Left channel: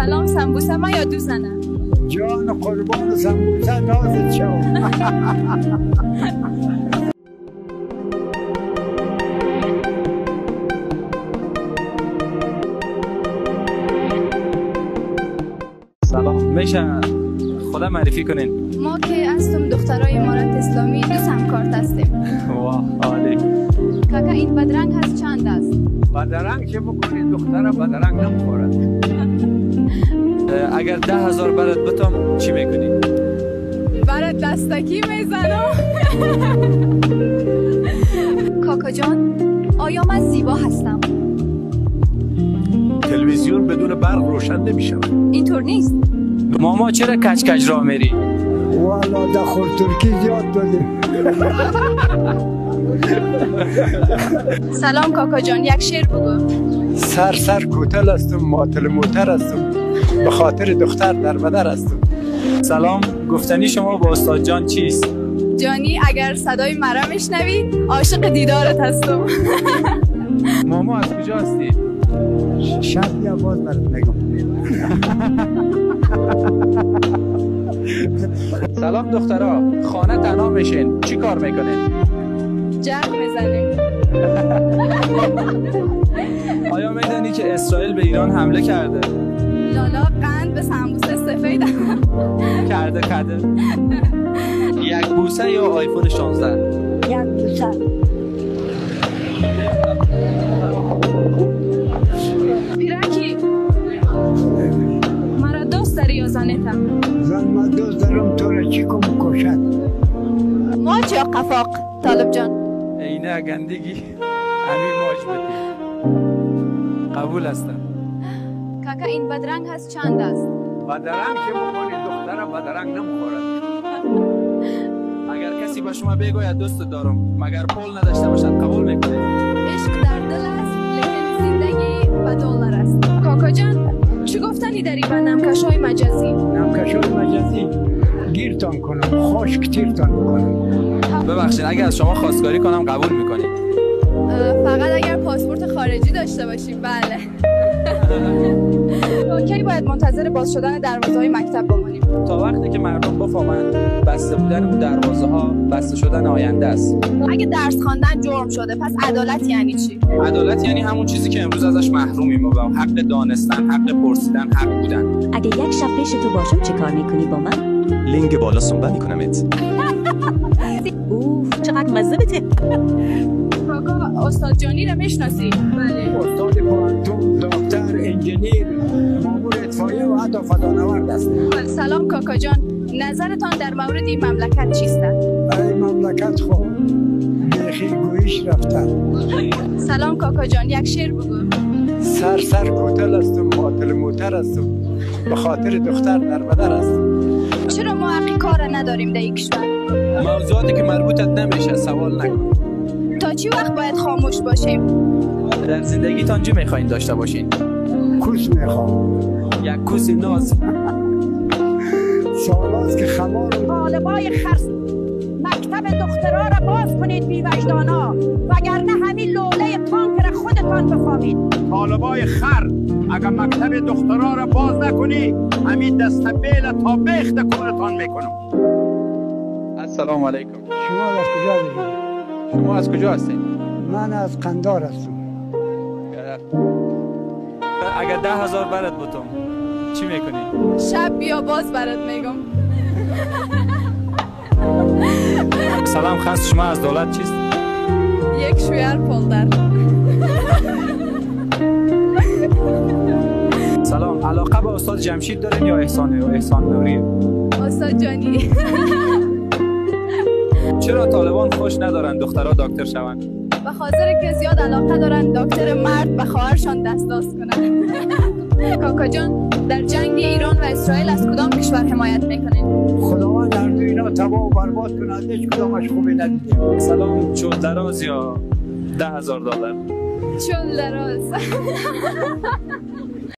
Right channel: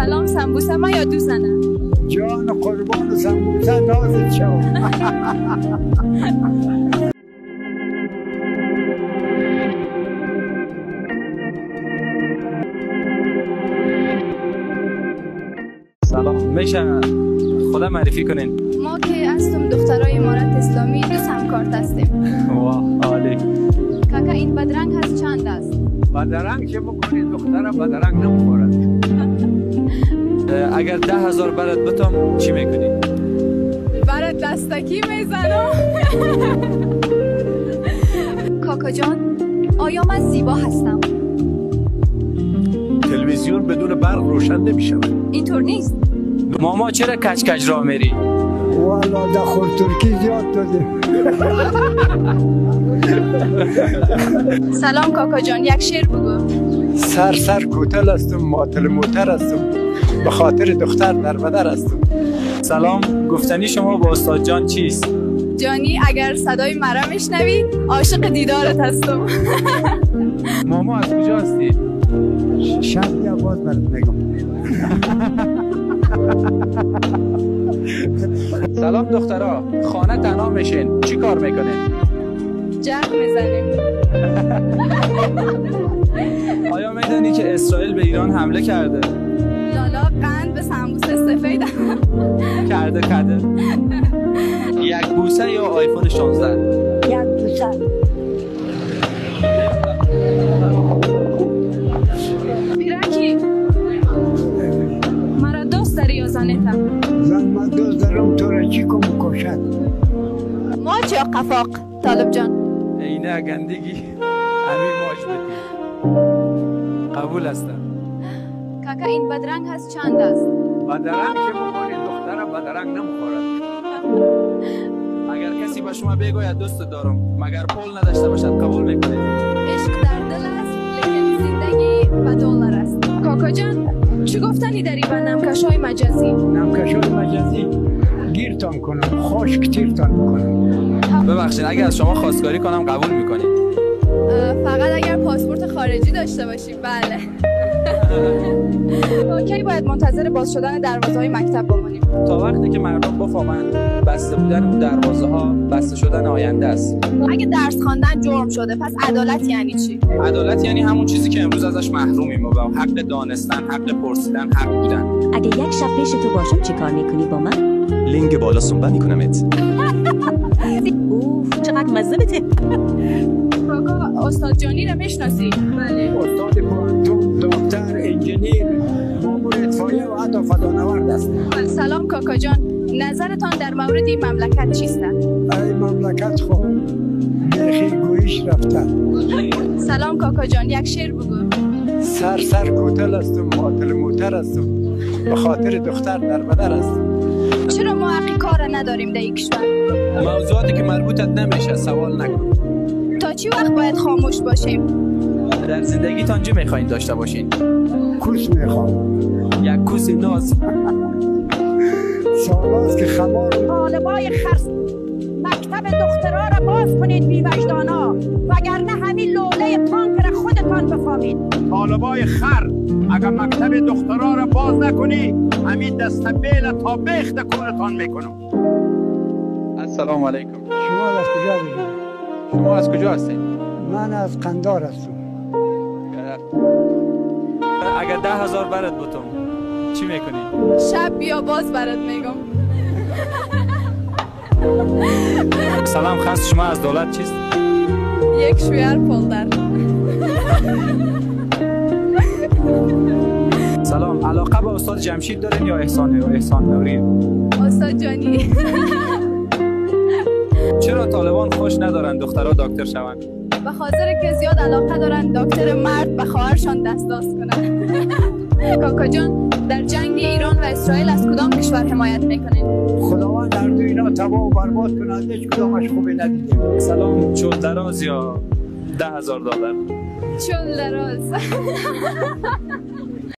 سلام سمبوسه ما یا دوزنه؟ جان قربان سمبوسه نازت شو. سلام، میشه خدا معرفی کنین؟ ما که هستم دخترای امارت اسلامی دو همکارت هستیم. واه عالی. کاکا این بدرنگ هست چند است؟ بدرنگ چه بکنی دختره بدرنگ نمیخورد. اگر 10,000 برات بتم چی میکنی؟ برات دستکی میزنم. کاکا جان آیا من زیبا هستم؟ تلویزیون بدون برق روشن نمیشود. اینطور نیست. ماما چرا کج کج راه میری؟ والا دخور ترکی زیاد دادیم. سلام کاکا جان یک شعر بگو. سر کوتل هستم ماتل موتر هستم به خاطر دختر در بدر هستم. سلام، گفتنی شما با استاد جان چیست؟ جانی اگر صدای مرا میشنوی عاشق دیدارت هستم. ماما از کجا هستی؟ شب یا باز برات میگم. سلام دخترا، خانه تنها میشین چی کار میکنین؟ جرق میزنیم. آیا میدونی که اسرائیل به ایران حمله کرده؟ لالا قند به سمبوسه سفید کرده. یک بوسه یا آیفون 16؟ یک بوسه. پیرکی مرا دوست داری یا زنیتا؟ زن من دوست دارم تو را چی کم کشد. ماچ یا قفاق طالب جان؟ اینه گندگی همین ماش بدی. قبول هستم. کاکا این بدرنگ هست چند است؟ بدرنگ چه بکنی دختره بدرنگ نمیخورد. اگر کسی به شما بگوید دوست دارم مگر پول نداشته باشد قبول میکنید؟ عشق در دل است لیکن زندگی به دلار است. کاکا جان چی گفتنی داری به نمکشای مجازی؟ نمکشای مجازی گیرتان کنم خشک تیرتان میکنم. ببخشید اگر از شما خواستگاری کنم قبول میکنید؟ فقط اگر پاسپورت خارجی داشته باشی. بله. کی باید منتظر باز شدن دروازه های مکتب بمانیم؟ تا وقتی که مردم بفهمند بسته بودن اون دروازه ها بسته شدن آینده است. اگه درس خواندن جرم شده پس عدالت یعنی چی؟ عدالت یعنی همون چیزی که امروز ازش محرومیم و حق دانستن، حق پرسیدن، حق بودن. اگه یک شب پیش تو باشم چه کار میکنی با من؟ لنگ بالا سنبه میکنمت. اوه چقدر مزه بده. کاکا استاد جانی رو میشناسی؟ بله. استاد کوانتوم، دکتر، انجینیر، مامور اطفاییه و حتی فضانورد است. سلام کاکا جان، نظرتان در مورد این مملکت چیست؟ این مملکت خب بیخی گویش رفته. سلام کاکا جان یک شعر بگو. سر کوتل هستم ماتل موتر هستم به خاطر دختر در بدر هستم. چرا ما حقی کار نداریم در این کشور؟ موضوعاتی که مربوطت نمیشه سوال نکن. تا چی وقت باید خاموش باشیم؟ در زندگیتان چی میخواین داشته باشین؟ کوس میخوام. یک کوس ناز. سالاست که خمارم. طالبای خرس مکتب دخترا را باز کنید بی وجدانا وگرنه همین لوله تانک را خودتان بفهمید. طالبای خر اگر مکتب دخترا را باز نکنی همین دست بیل تا بیخت کونتان میکنم. السلام علیکم. شما از کجا هستید؟ شما از کجا هستین؟ من از قندار هستم. اگر 10,000 برات بتم چی میکنی؟ شب بیا باز برات میگم. سلام، خواست شما از دولت چیست؟ یک شویر پولدر. سلام، علاقه به استاد جمشید دارین یا احسان نوری؟ استاد جانی. چرا طالبان خوش ندارن دخترها دکتر شوند؟ به خاطر که زیاد علاقه دارن دکتر مرد به خواهرشان دستاز کنن. کاکا جان در جنگ ایران و اسرائیل از کدام کشور حمایت میکنین؟ خداوند در دو اینا تباه و برباد کنند هیچ کدامش خوبی ندیدیم. سلام، چول دراز یا 10,000 دلار؟ چول دراز.